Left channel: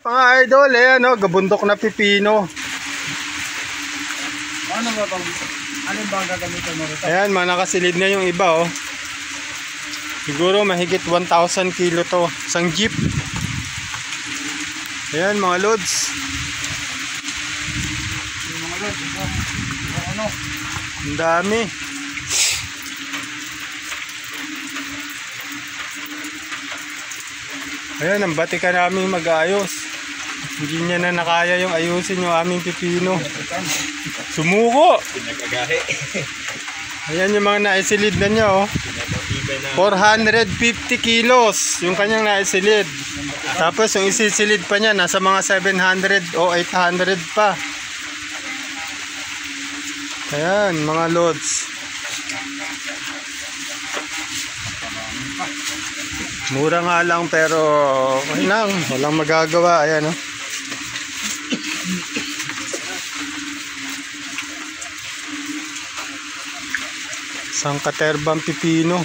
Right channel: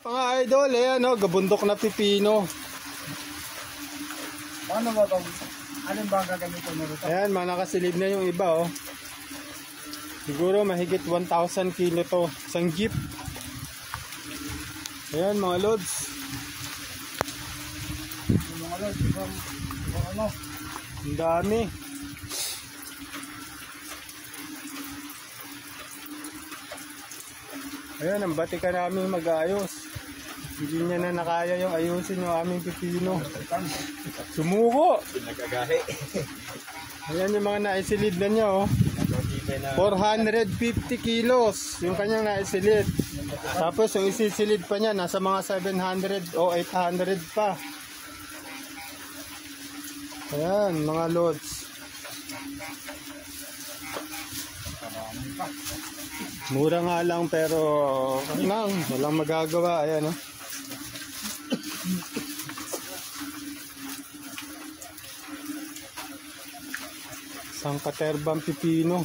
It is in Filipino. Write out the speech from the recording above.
Mga idol, ayan o, gabundok na pipino. Ano ba ito? Ano ba ang gagamitin mo ito? Ayan, mga nakasilid na yung iba oh. Siguro mahigit 1,000 kilo to. Isang jeep. Ayan mga lods. Yung mga lods, ibang ano? Ang dami. Ayan, ang batika namin mag-ayos. Hindi niya na nakaya yung ayusin yung aming pipino. Sumuko! Pinagagahe. Ayan yung mga naisilid na niya oh. 450 kilos yung kanyang naisilid. Tapos yung isisilid pa niya nasa mga 700 o 800 pa. Ayan mga lods. Mura nga lang pero walang magagawa. Ayan oh. Isang katerbang pipino.